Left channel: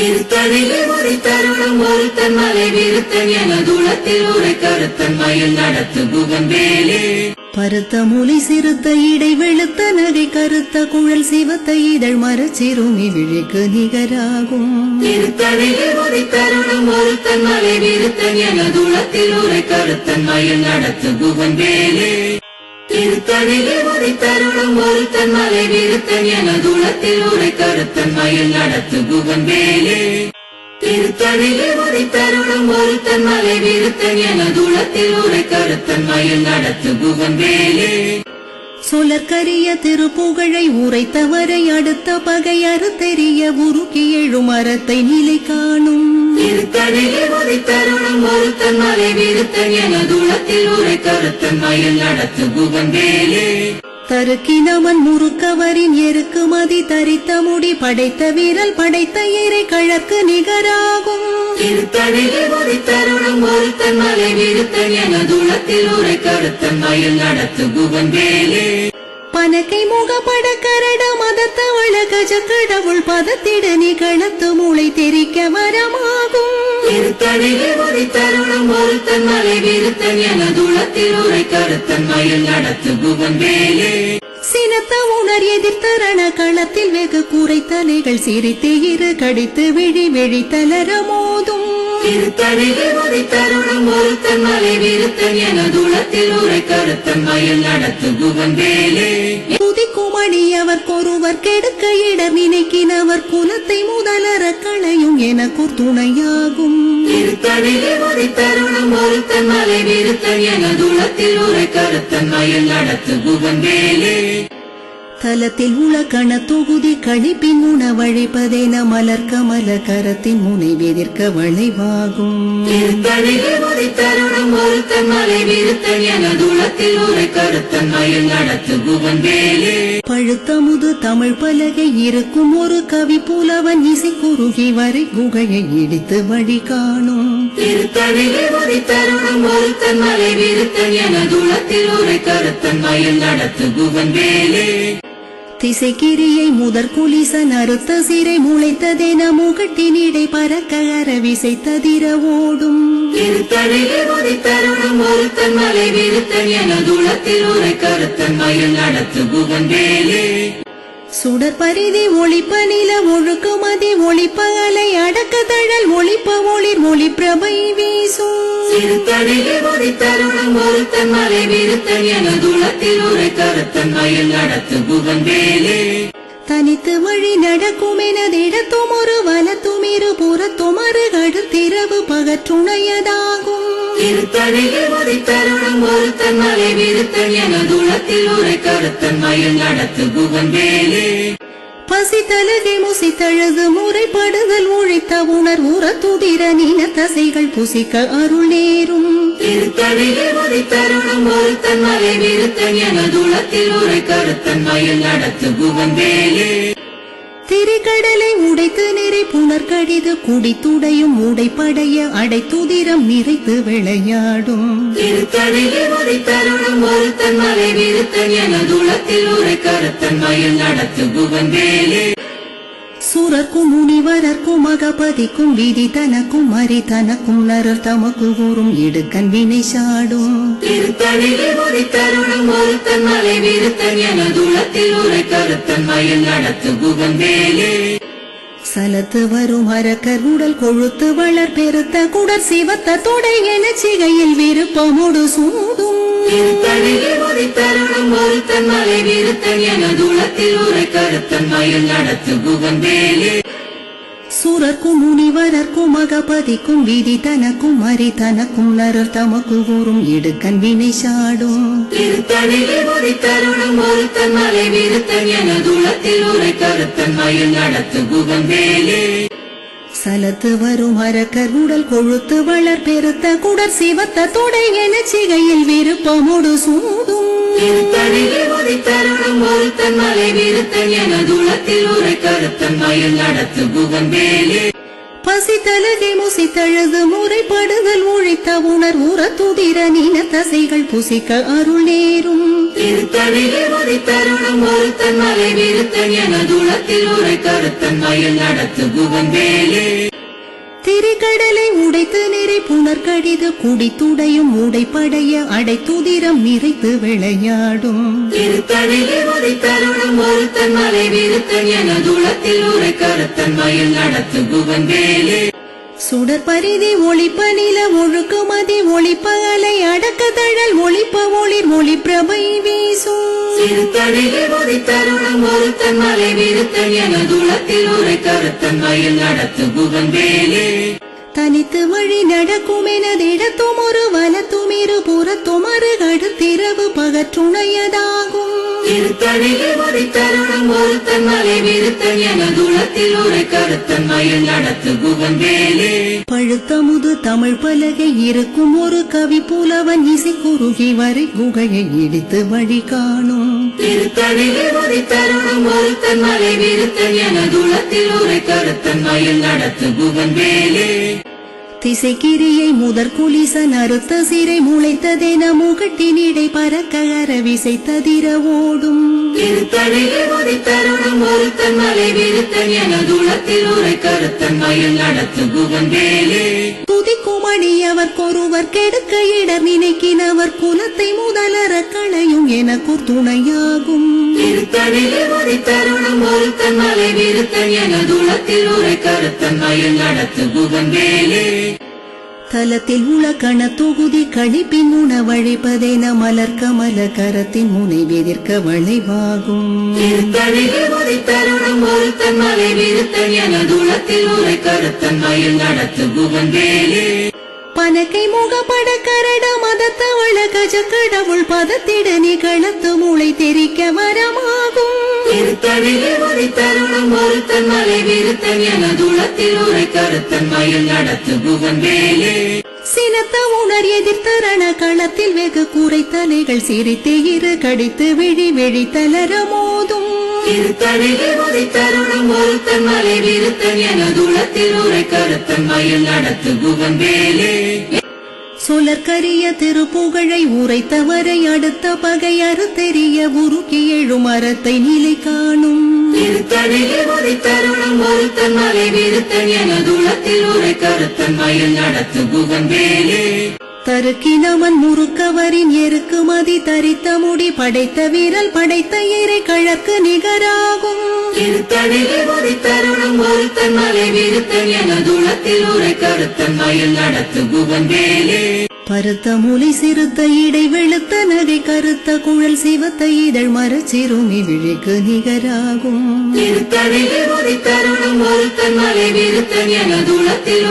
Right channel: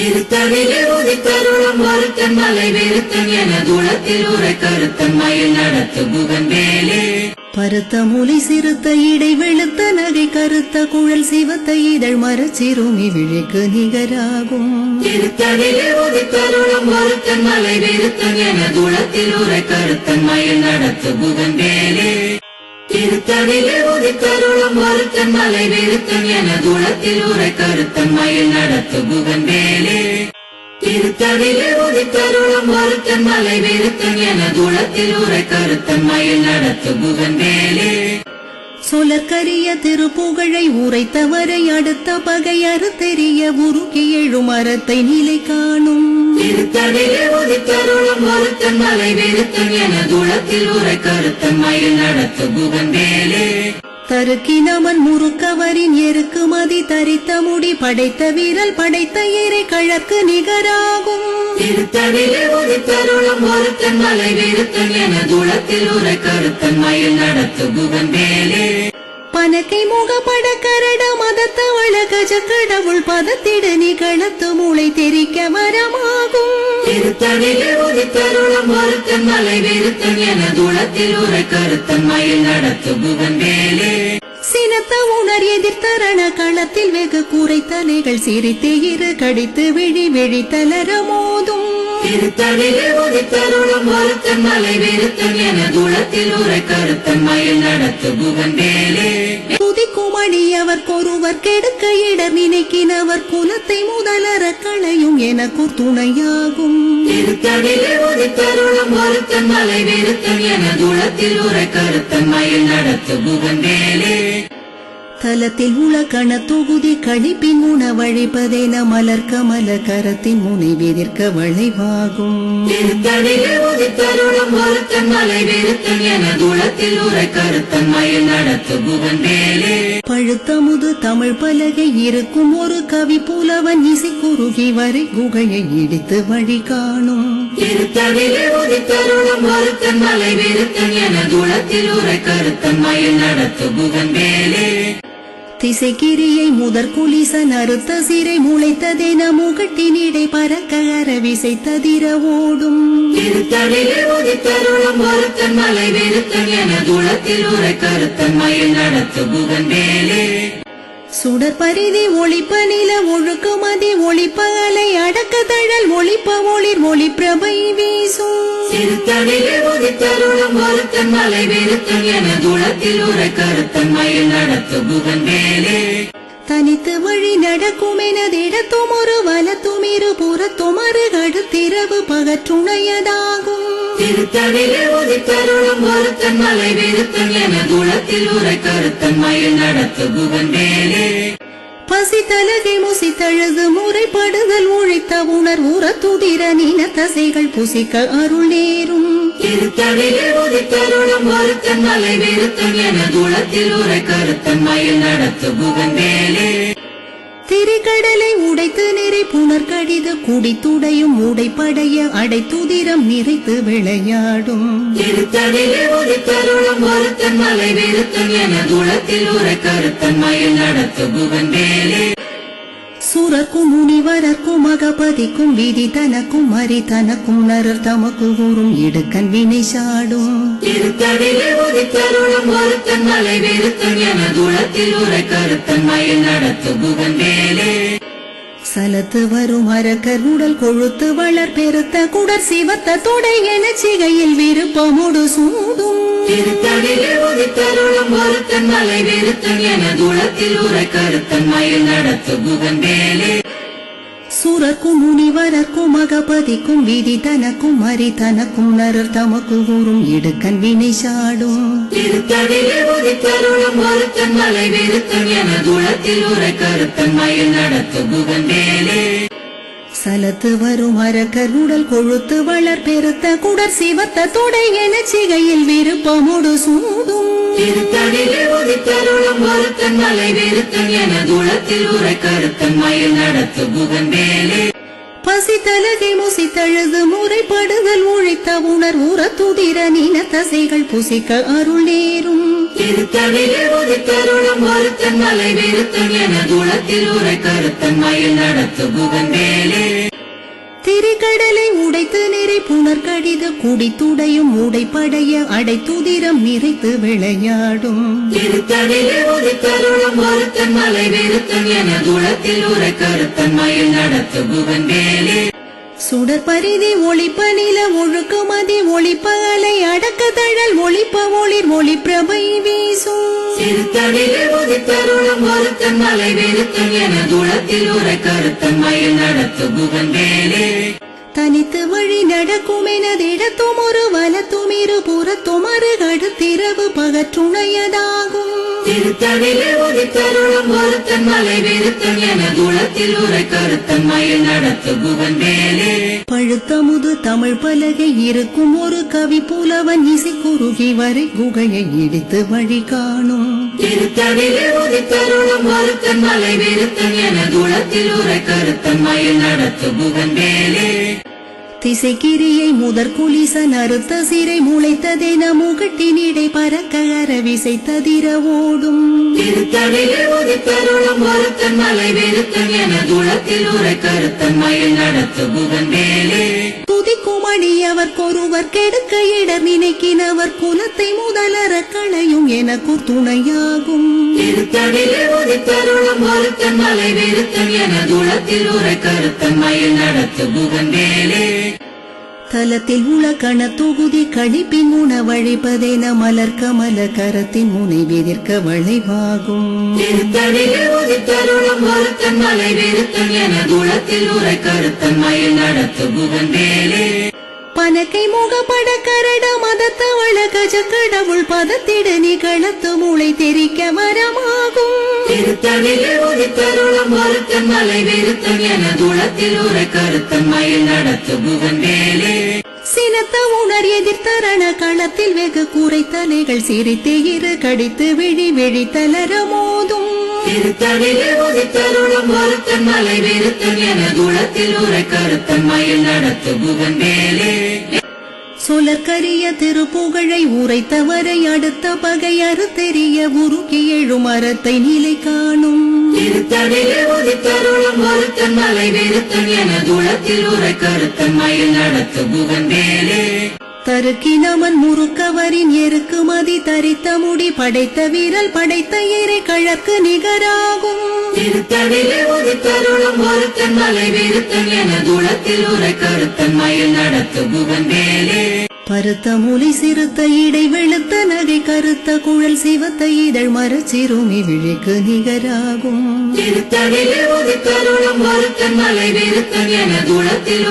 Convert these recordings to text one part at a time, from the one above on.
திருத்தணிலே உதித்தருளும் ஒருத்தன் மலை வெறுத்தன் என தூளத்தில் உரை கருத்தன் மயில் நடத்து புகன்பேலே. பருத்த மூலி சிறுத்த இடை வெளுத்த நகை கருத்த குழல் சிவத்த இதழ் மரச்சிறுமி விழிக்கு நிகராகும். மலை வெறுத்தன் என தூளத்தில் உரை கருத்தன் மயில் நடத்து புகன்பேலே. திருத்தணிலே உதித்தருளும் ஒருத்தன் மலை வெறுத்தன் என தூளத்தில் உரை கருத்தன் மயில் நடத்து புகன்பேலே திருத்தணிலே உதித்தருளும் ஒருத்தன் மலை வெறுத்தன் என தூளத்தில் உரை கருத்தன் மயில் நடத்து புகன்பேலே சொலற்கரிய திருப்புகழை உரைத்தவரை அடுத்த பகை அறுத்தெறிய உருக்கி எழும் மரத்தை நிலை காணும். மலை வெறுத்தன் என தூளத்தில் உரை கருத்தன் மயில் நடத்து புகன்பேலே தருக்கினவன் முறுக்கவரின் எருக்கு மதி தரித்த முடி படைத்த வீரல் படைத்த இறை கழற்கு நிகராகும். திருத்தணிலே உதித்தருளும் ஒருத்தன் மலை வெறுத்தன் என தூளத்தில் உரை கருத்தன் மயில் நடத்து புகன்பேலே பனக்கை முகப்பட கரட மதத்தவள கஜ கடவுள் பதத்திடு நிகழத்து மூளை தெரிக்க வரமாகும். திருத்தணிலே உதித்தருளும் ஒருத்தன் மலை வெறுத்தன் என தூளத்தில் உரை கருத்தன் மயில் நடத்து புகன்பேலே சினத்த உணர் எதிர்த்தரண களத்தில் வெகு குறைத்தலைகள் சிரித்து இரு கடித்து விழி விழி தளர மோதும். திருத்தணிலே உதித்தருளும் ஒருத்தன் மலை வெறுத்தன் என தூளத்தில் உரை கருத்தன் மயில் நடத்து புகன்பேலே குதிக்கும் அடியவர் கொருவர் கெடுக்க இடர் நினைக்கினவர் குலத்தை முதலற களையும் எனக்கு துணையாகும். திருத்தணிலே உதித்தருளும் ஒருத்தன் மலை வெறுத்தன் என தூளத்தில் உரை கருத்தன் மயில் நடத்து புகந்தேலே தலத்தில் உள கண தொகுதி கழிப்பின் உணவழிப்பதென மலர் கரத்தின் முனை வெதிர்க்க வளைவாகும். திருத்தணிலே உதித்தருளும் ஒருத்தன் மலை வெறுத்தன் என தூளத்தில் உரை கருத்தன் நடத்து புகன்பேலே பழுத்தமுது தமிழ் பலகை இருக்கும் ஒரு கவி புலவன் இசை குறுகி வரை குகையை இடித்து வழி காணும். மலை வெறுத்தன் என தூளத்தில் உரை கருத்தன் மயில் நடத்து புகன்பேலே திசைக்கிரியை முதற் குலிசன் அறுத்த சிறை முளைத்ததென முகட்டினிடை பறக்க அரவிசை ததிர ஓடும். திருத்தணிலே ஒருத்தன் மலை வெறுத்தன் என தூளத்தில் உரை கருத்தன் மயில் நடத்து புகன்பேலே சுடர் பரிதி ஒளிப்ப நில ஒழுக்குமதி ஒளிப்ப அலை அடக்க தழல் ஒளிப்ப ஒளிர் ஒளி பிரபை வீசும் உதித்தருளும் ஒருத்தன் மலை வெறுத்தன் என தூளத்தில் உரை கருத்தன் மயில் நடத்து புகன்பேலே தனித்து வழி நடக்கும் எனதிடத்தும் ஒரு வலத்தும் இரு புறத்தும் அருகடுத்திரவு பகற்றுணையதாகும். திருத்தணிலே உதித்தருளும் ஒருத்தன் மலை வெறுத்தன் என தூளத்தில் உரை கருத்தன் மயில் நடத்து புகன்பேலே பசி தலகை முசித்தழுது முறைப்படுதல் உழைத்த உணர் உற துதிர நின தசைகள் புசிக்க அருள் நேரும். திருத்தணிலே உதித்தருளும் ஒருத்தன் மலை வெறுத்தன் என தூளத்தில் உரை கருத்தன் மயில் நடத்து புகன்பேலே திரிகடலை உடைத்து நிறை புனர் கடிது குடித்துடையும் உடைப்படைய அடைத்துதிரம் நிறைத்து விளையாடும். திருத்தணிலே மலை வெறுத்தன் என தூளத்தில் உரை கருத்தன் மயில் நடத்து புகன்பேலே சுரக்கும் முனிவரர்க்கும் அகபதிக்கும் விதி தனக்கும் மறி தனக்கும் நரர் தமக்கு கூறும் இடுக்கன் வினை சாடும். திருத்தணிலே மலை வெறுத்தன் என தூளத்தில் உரை கருத்தன் மயில் நடத்து புகன்பேலே சலத்து வரும் அரக்கர் உடல் கொழுத்து வளர் பெருத்த குடர் சிவத்த தொடை என சிகையில் விருப்பமுடு சூடும் மலை வெறுத்தன் என தூளத்தில் உரை கருத்தன் மயில் நடத்து புகன்பேலே சுரர்க்கும் முனிவரர்க்கும் அகபதிக்கும் விதி தனக்கும் மறி தனக்கும் நரர் தமக்கு கூறும் இடுக்கன் வினை சாடும். திருத்தணிலே மலை வெறுத்தன் என தூளத்தில் உரை கருத்தன் மயில் நடத்து புகன்பேலே சலத்து வரும் அரக்கர் உடல் கொழுத்து வளர் பெருத்த குடர் சிவத்த தொடை என சிகையில் விருப்பமுடு சூதும். மலை வெறுத்தன் என தூளத்தில் உரை கருத்தன் மயில் நடத்து புகன்பேலே பசித்தலகை முசித்தழுது முறைப்படுதல் உழைத்த உணர் உற துதிர நீன தசைகள் புசிக்க அருள் நேரும். திருத்தணிலே உதித்தருளும் ஒருத்தன் மலை விருத்தன் உரை கருத்தன் மயில் நடத்து குகந்தேலே திரிகடலை உடைத்து நிறை புனர் கடிது குடித்துடையும் உடைப்படைய அடைத்துதிரம் நிறைத்து விளையாடும். மலை உதித்தருளும் என துளத்தில் விருத்தன் உரை கருத்தன் மயில் நடத்து குகந்தேலே சுடற்பரிதி ஒளிப்ப நில ஒழுக்குமதி ஒளிப்ப அலை அடக்க தழல் ஒளிப்ப ஒளிர் ஒளி பிரபை வீசும் திருத்தணிலே உதித்தருளும் ஒருத்தன் மலை விருத்தன் எனதுளத்தில் உரை கருத்தன் மயில் நடத்து குகந்தேலே தனித்து வழி நடக்கும் எனதிடத்தும் ஒரு வலத்தும் இரு புறத்தும் அருகடுத்திரவு பகற்றுணையதாகும். திருத்தணிலே உதித்தருளும் ஒருத்தன் மலை விருத்தன் எனதுளத்தில் உரை கருத்தன் மயில் நடத்து குகந்தேலே பழுத்தமுது தமிழ் பலகை இருக்கும் ஒரு கவி புலவன் இசை குறுகி வரை குகையை இடித்து வழி காணும். திருத்தணிலே உதித்தருளும் ஒருத்தன் மலை விருத்தன் எனதுளத்தில் உரை கருத்தன் மயில் நடத்து குகந்தேலே திசைக்கிரியை முதற் குலிசன் அறுத்த சிறை முளைத்ததென முகட்டினிடை பறக்க அரவிசை ததிர ஓடும். துதிக்கும் அடியவர்க்கொருவர் கெடுக்க இடர் நினைக்கினவர் குலத்தை முதலற களையும் எனக்கு துணையாகும் கருத்தன் மயில் நடத்து குகந்தேலே தலத்தில் உள்ள கண தொகுதி கழிப்பின் உணவழிப்பதென மலர் கமல கரத்தின் முனை எதிர்க்க வளைவாகும். பனக்கை முகப்பட கரட கஜ கடவுள் பதத்திட நிகழத்து மூளை தெரிக்க வரமாகும். திருத்தணிலே உதித்தருளும் ஒருத்தன் மலை விருத்தன் எனதுளத்தில் உரை கருத்தன் மயில் நடத்து குகந்தேலே சினத்த உணர் எதிர்த்தரண களத்தில் வெகு கூரை தலைகள் சிரித்து இரு கடித்து விழி விழி தளர மோதும். உதித்தருளும் மலை விருத்தன் எனதுளத்தில் உரை கருத்தன் மயில் நடத்து குகந்தேலே சொலற்கரிய திருப்புகழை உரைத்தவரை அடுத்த பகை தெரிய உருக்கி எழும் அறத்தை நிலை காணும். திருத்தணிலே உதித்தருளும் ஒருத்தன் மலை விருத்தன் எனதுளத்தில் உரை கருத்தன் மயில் நடத்து குகந்தேலே தருக்கினவன் முறுக்கவரின் எருக்குமதி தரித்த முடி படைத்த வீரல் படைத்த இறை கழக்கு நிகராகும். திருத்தணிலே ஒருத்தன் மலை விருத்தன் உரை கருத்தன் மயில் நடத்து குகந்தேலே பருத்த மூலி சிறுத்த இடை வெளுத்த நகை கருத்த குழல் சிவத்த இதழ் மரச்சிறுமி விழிக்கு நிகராகும். திருத்தணிலே உதித்தருளும் ஒருத்தன் மலை விருத்தன் எனதுளத்தில்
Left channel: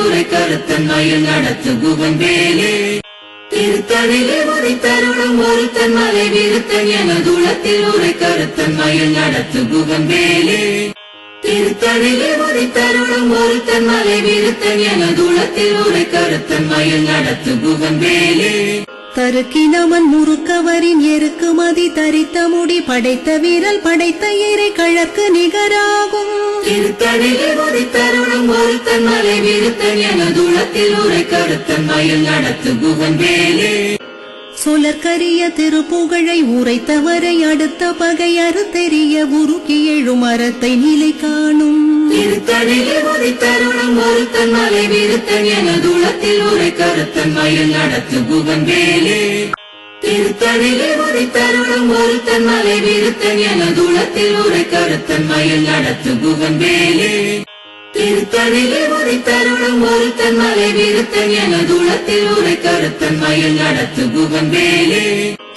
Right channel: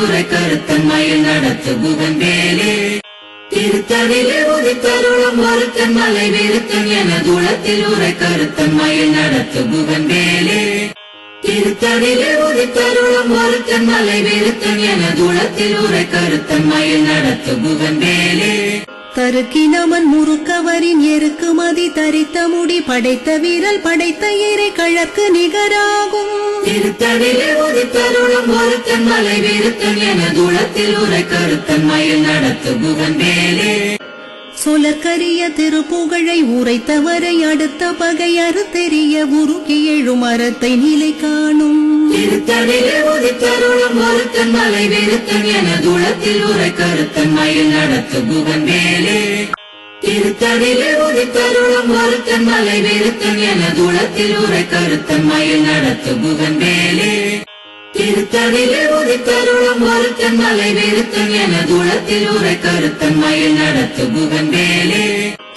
உரை கருத்தன் மயில் நடத்து குகந்தேலே திருத்தணிலே உதித்தருளும் ஒருத்தன் மலை விருத்தன் உரை கருத்தன் மயில் நடத்து விருத்தன் எனதுளத்தில் உரை கருத்தன் மயில் நடத்து குகந்தேலே தருக்கினவன் முறுக்கவரின் எருக்கு மதி தரித்த முடி படைத்த வீரல் படைத்த இறை கழற்கு நிகராகும். திருத்தணிலே உதித்தருளும் ஒருத்தன் மலை விருத்தன் எனதுளத்தில் உரை கருத்தன் மயில் நடத்து குகந்தேலே சொலற்கரிய திருப்புகழை உரைத்தவரை அடுத்த பகை அறுத்தெறிய உருக்கி எழும் அறத்தை நிலை காணும். திருத்தணிலே உதித்தருளும் ஒருத்தன் மலை வெறுத்தன் என தூளத்தில் உரை கருத்தன் மயில் நடத்து குகந்தேலே திருத்தணிலே உதித்தருளும் ஒருத்தன் மலை விருத்தன் உரை கருத்தன் மயில் நடத்து விருத்தன் எனதுளத்தில் உரை கருத்தன் மயில் நடத்து குகந்தேலே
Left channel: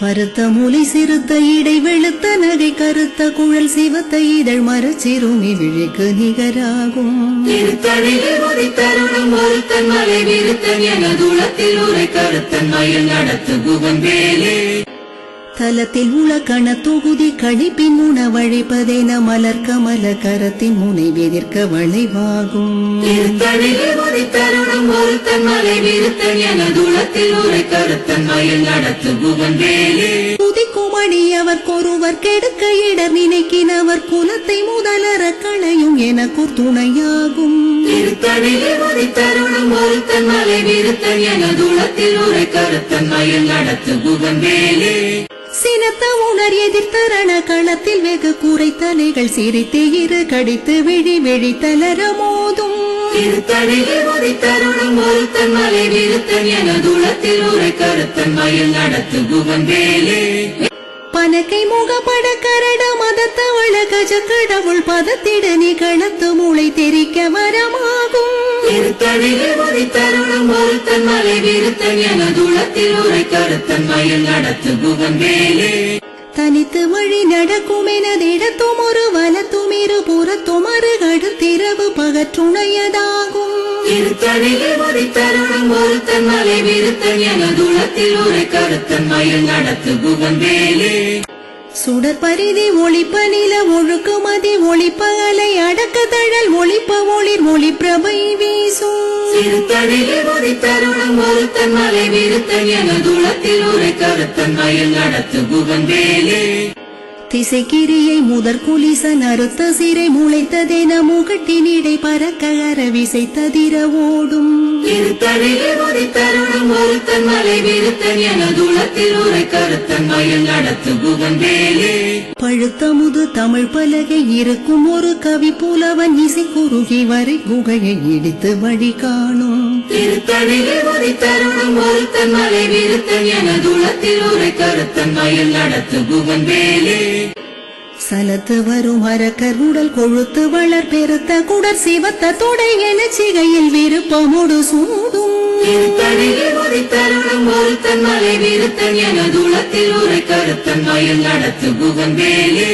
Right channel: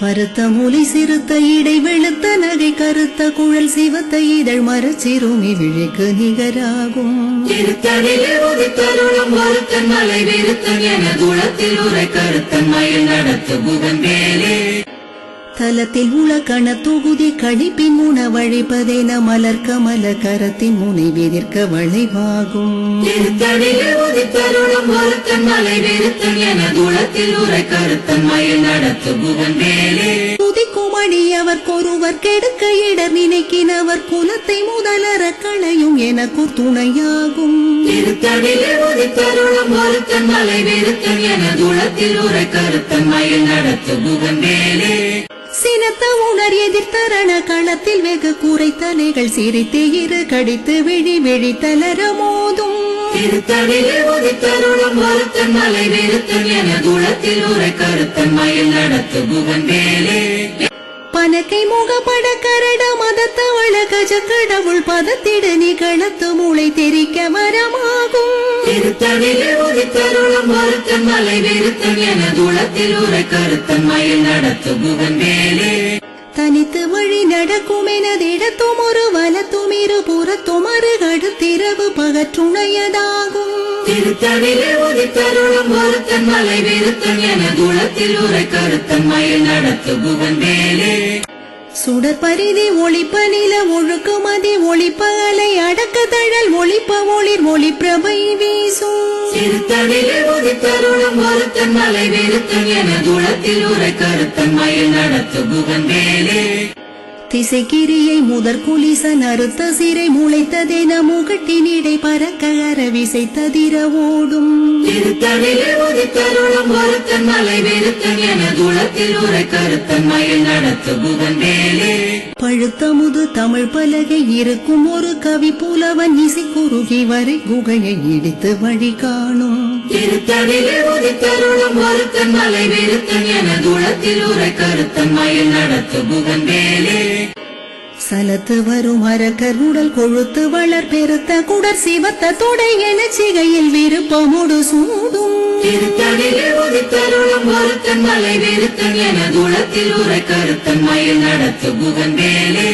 பருத்த மூலி சிறுத்த இடை வெளுத்த நகை கருத்த குழல் சிவத்த இதழ் மரச்சிறுமி விழிக்கு நிகராகும். திருத்தணிலே உதித்தருளும் ஒருத்தன் மலை விருத்தன் எனதுளத்தில் உரை கருத்தன் மயில் நடத்து குகந்தேலே தலத்தில் உள்ள கண தொகுதி கழிப்பின் உணவழிப்பதென மலர் கமல கரத்தின் முனை எதிர்க்க வளைவாகும் துதிக்கும் அடியவர்க்கொருவர் கெடுக்க இடர் நினைக்கினவர் குலத்தை முதலற களையும் எனக்குர் துணையாகும் வெறுத்தன் எனதுளத்தில் உரை கருத்தன் மயில் நடத்து புகந்தேலே. சினத்த உணர் எதிர்த்தரண களத்தில் வெகு கூரை தலைகள் சிரித்து இரு கடித்து விழி விழி தளர மோதும். திருத்தணிலே உதித்தருளும் ஒருத்தன் மலை கருத்தன் மயில் நடத்து புகந்தேலே பனக்கை முகப்பட கரட மதத்தவள கஜ கடவுள் பதத்திட நிகழத்து மூளை தெரிக்க வரமாகும். திருத்தணிலே உதித்தருளும் ஒருத்தன் மலை வெறுத்தன் எனதுளத்தில் உரை கருத்தன் மயில் நடத்து புகந்தேலே தனித்து வழி நடக்கும் எனதிடத்தும் ஒரு வலத்தும் இரு புறத்தும் அருகடுத்திரவு பகற்றுணையதாகும். திருத்தணிலே உதித்தருளும் ஒருத்தன் மலை வெறுத்தன் எனதுளத்தில் உரை கருத்தன் மயில் நடத்து சுடர் பரிதி ஒளிப்ப நில ஒழுக்கு மதி ஒளிப்ப அலை அடக்க தழல் ஒளிப்ப ஒளிர் ஒளி பிரபை வீசும் உதித்தருளும் ஒருத்தன் மலை வெறுத்தன் எனதுளத்தில் உரை கருத்தன் மயில் நடத்து புகந்தேலே. திசைக்கிரியை முதற் குலிசன் அறுத்த சிறை முளைத்ததென முகட்டினிடை பறக்க அரவிசை ததிர ஓடும் ஒருத்தன் மலை வெறுத்தன் எனதுளத்தில் உரை கருத்தன் மயில் நடத்து புகந்தேலே பழுத்தமுது தமிழ் பலகை இருக்கும் ஒரு கவி புலவன் இசை குறுகி வரை குகையை இடித்து வழி காணும். திருத்தணிலே உதித்தருளும் ஒருத்தன் மலை வெறுத்தன் எனதுளத்தில் உரை கருத்தன் மயில் நடத்து புகந்தேலே சலத்து வரும் அரக்கர் உடல் கொழுத்து வளர் பெருத்த குடர் சிவத்த தொடை என சிகையில் விருப்பமுடு சூடும். திருத்தணிலே மலை வெறுத்தன் என தூளத்தில் உரை கருத்தன் மயில் நடத்து புகன் வேலே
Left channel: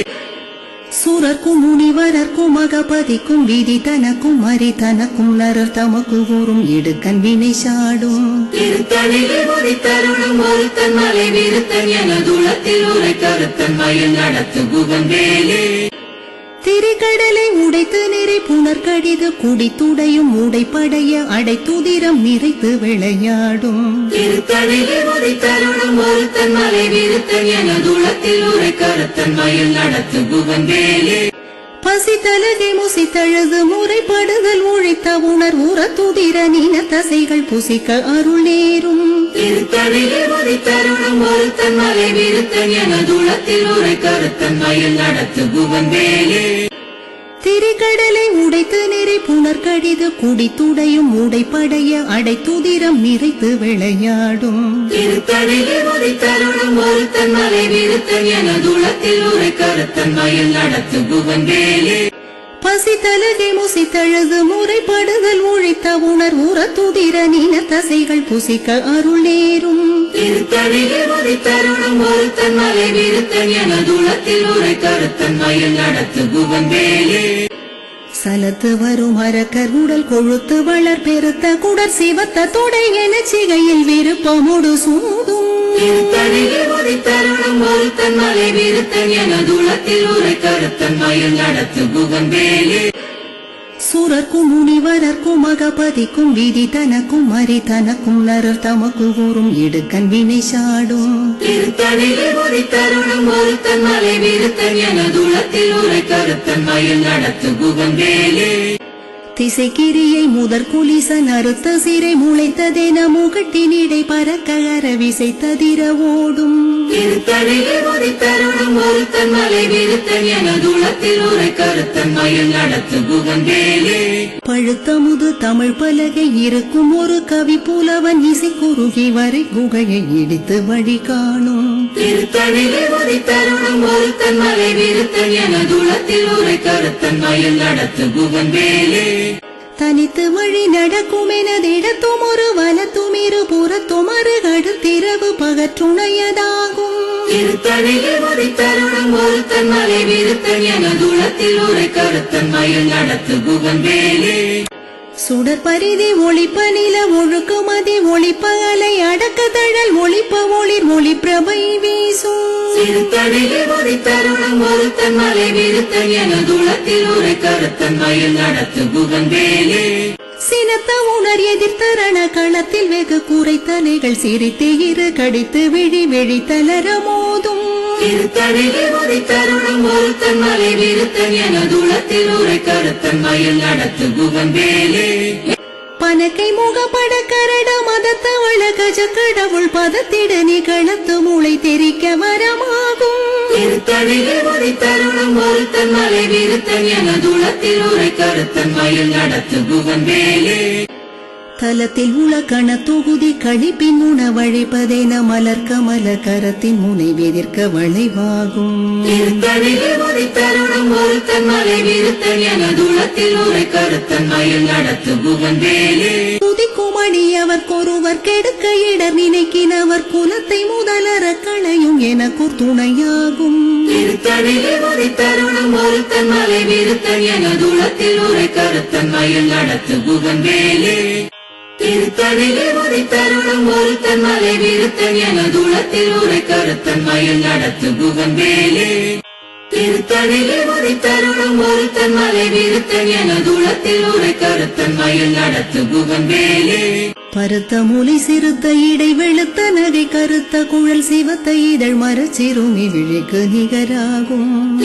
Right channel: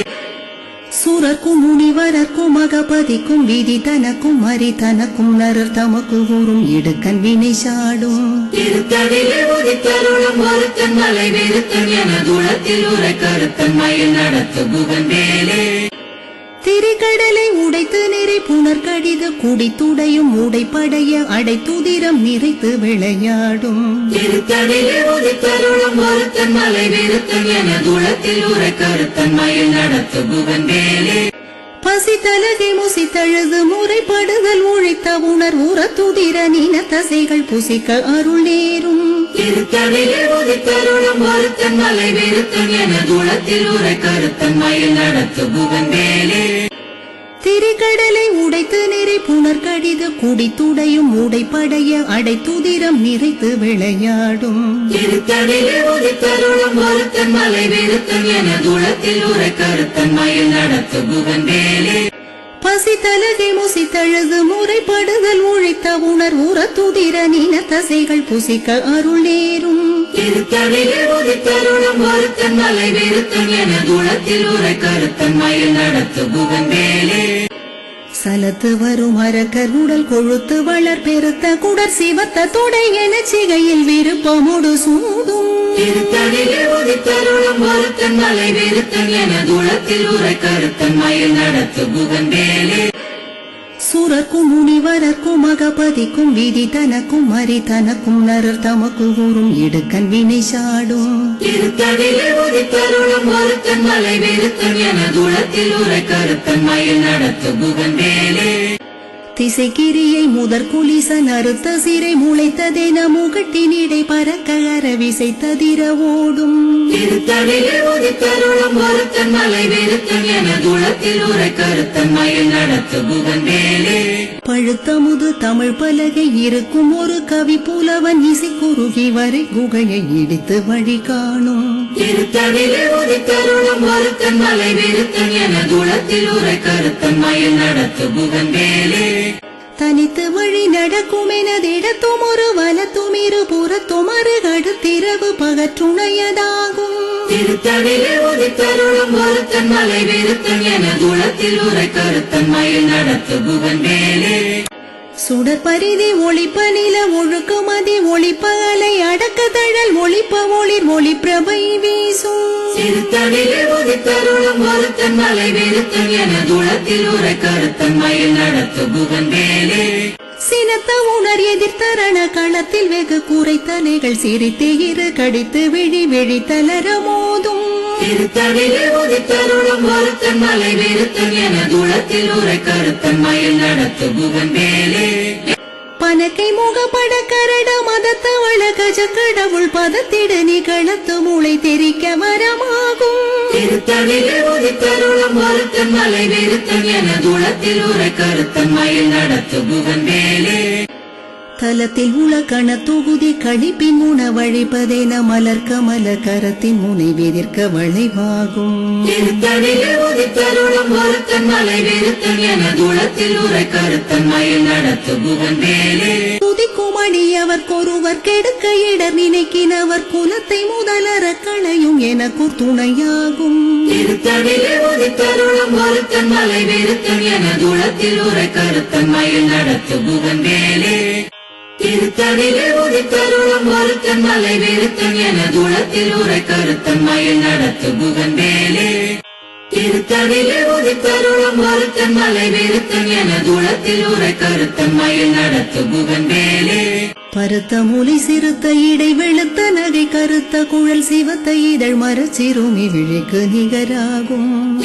சூரர்க்கும் முனிவரர்க்கும் அகபதிக்கும் விதி தனக்கும் மறி தனக்கும் நரர் தமக்கு கூறும் இடுக்கன் வினை சாடும். திருத்தணிலே உதித்தருளும் ஒருத்தன் மலை வெறுத்தன் எனதுளத்தில் உரை கருத்தன் மயில் நடத்து புகந்தேலே திரிகடலை உடைத்து நிறை புனர் கடிது குடித்துடையும் உடைப்படைய அடைத்துதிரம் நிறைத்து விளையாடும். திருத்தணிலே உதித்தருளும் ஒருத்தன் மலை வெறுத்தன் எனதுளத்தில் உரை கருத்தன் மயில் நடத்து புகந்தேலே பசி தலகை முசி தழுது முறைப்படுதல் உழைத்த உணர் உற துதிர நீன தசைகள் புசிக்க அருள் நேரும். திருத்தணிலே உதித்தருளும் ஒருத்தன் மலை வெறுத்தன் எனதுளத்தில் உரை கருத்தன் மயில் நடத்து புகந்தேலே திரிகடலை உடைத்து நிறை புனர் கடிது குடித்துடையும் உடைப்படைய அடைத்துதிரம் நிறைத்து விளையாடும். மலை வெறுத்தன் எனதுளத்தில் உரை கருத்தன் மயில் நடத்து பசி பசித்தலகை முசி முறைப்படுதல் உழைத்த உணர் உற துதிர நீன தசைகள் புசிக்க அருள் நேரும். உதித்தருளும் ஒருத்தன் மலை வெறுத்தன் என உரை கருத்தன் மயில் நடத்து புகந்தேலே சலத்து வரும் அரக்கர் உடல் கொழுத்து வளர் பெருத்த குடர் சிவத்த தொடை என சிகையில் விருப்பமுடு சூடும். மலை வெறுத்தன் எனதுளத்தில் உரை கருத்தன் மயில் நடத்து புகம்பேலே சூரர்க்கும் முனிவரர்க்கும் அகபதிக்கும் விதி தனக்கும் மறி தனக்கும் நரர் தமக்கு கூறும் இடுக்கன் வினை சாடும். திருத்தணிலே உதித்தருளும் ஒருத்தன் மலை வெறுத்தன் எனதுளத்தில் உரை கருத்தன் மயில் நடத்து புகந்தேலே திசைக்கிரியை முதற் குலிசன் அறுத்த சிறை முளைத்ததென முகட்டினிடை பறக்க அரவிசை ததிர ஓடும் ஒருத்தன் மலை வெறுத்தன் எனதுளத்தில் உரை கருத்தன் மயில் நடத்து புகந்தேலே. பழுத்தமுது தமிழ் பலகை இருக்கும் ஒரு கவி புலவன் இசை குறுகி வரை குகையை இடித்து வழி காணும். திருத்தணிலே உதித்தருளும் ஒருத்தன் மலை வெறுத்தன் எனதுளத்தில் உரை கருத்தன் மயில் நடத்து புகந்தேலே. தனித்து வழி நடக்கும் எனதிடத்தும் ஒரு வலத்தும் இரு புறத்தும் அருகடுத்திரவு பகற்றுணையதாகும். திருத்தணிலே உதித்தருளும் ஒருத்தன் மலை வெறுத்தன் எனதுளத்தில் உரை கருத்தன் மயில் நடத்து புகந்தேலே சுடர் பரிதி ஒளிப்ப நில ஒழுக்கு மதி ஒளிப்ப அலை அடக்க தழல் ஒளிப்ப ஒளிர் ஒளி பிரபை வீசும் உதித்தருளும் ஒருத்தன் மலை வெறுத்தன் எனதுளத்தில் உரை கருத்தன் மயில் நடத்து புகந்தேலே. சினத்த உணர் எதிர்த்தரண களத்தில் வெகு கூரை தலைகள் சிரித்து இரு கடித்து விழி விழி தளர மோதும். திருத்தணிலே உதித்தருளும் ஒருத்தன் மலை வெறுத்தன் எனதுளத்தில் உரை கருத்தன் மயில் நடத்து புகந்தேலே பனக்கை முகப்பட கரட மதத்தவள கஜ கடவுள் பதத்திடு நிகழத்து மூளை தெரிக்க வரமாகும். உதித்தருளும் ஒருத்தன் மலை விருத்தன் என துளத்தில் உரை கருத்தன் மயில் நடத்து குகன் வேலே தலத்தில் உள கண தொகுதி கழிப்பின் உணவழிப்பதென மலர் கமல கரத்தின் முனை வெதிர்க்க வளைவாகும். திருத்தணிலே உதித்தருளும் ஒருத்தன் மலை விருத்தன் என துளத்தில் உரை கருத்தன் மயில் நடத்து குகன் வேலே துதிக்கும் அடியவர்க்கொருவர் கெடுக்க இடர் நினைக்கினவர் குலத்தை முதலற களையும் எனக்கூர் துணையாகும் மலை விருத்தன் என துளத்தில் உரை கருத்தன் மயில் நடத்து வேலே திருத்தணிலே உதித்தருளும் ஒருத்தன் மலை வீரத்தன் என தூளத்தில் உரை கருத்தன் மயில் நடத்து குகன் வேலே திருத்தணிலே உதித்தருளும் ஒருத்தன் மலை வீரத்தன் என தூளத்தில் உரை கருத்தன் மயில் நடத்து குகன் வேலே பருத்த மூலை சிறுத்த இடை வெளுத்த நகை கருத்த குழல் சிவத்த இதழ் மரச்சிறுமி விழிக்கு நிகராகும்.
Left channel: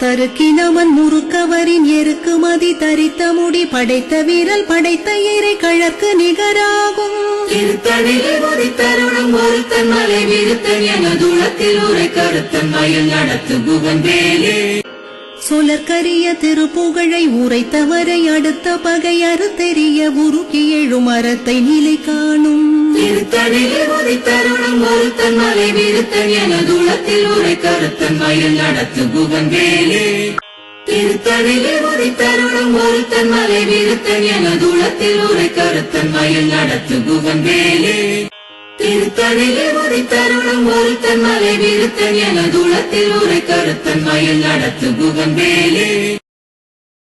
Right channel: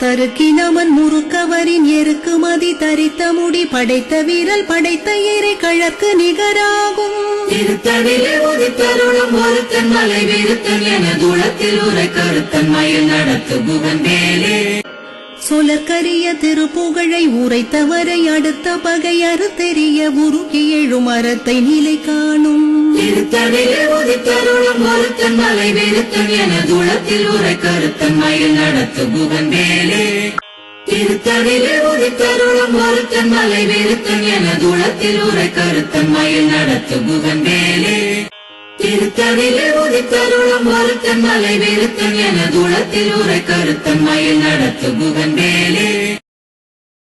தருக்கினவன் முறுக்கவரின் எருக்கு மதி தரித்த முடி படைத்த வீரல் படைத்த இறை கழற்கு நிகராகும். ஒருத்தன் மலை விருத்தன் என துளத்தில் உரை கருத்தன் மயில் நடத்து குகன் வேலே. சொலற்கரிய திருப்புகழை உரைத்தவரை அடுத்த பகை அறுத்தெறிய உருக்கி எழும் அறத்தை நிலை காணும். திருத்தணிலே உதித்தருளும் ஒருத்தன் மலை விருத்தன் என தூளத்தில் உரை கருத்தன் மயில் நடத்து குகன் வேலே திருத்தணிலே உதித்தருளும் ஒருத்தன் மலை விருத்தன் என உரை கருத்தன் மயில் நடத்து குகன் மலை. என கருத்தன் மயில் நடத்து வேலே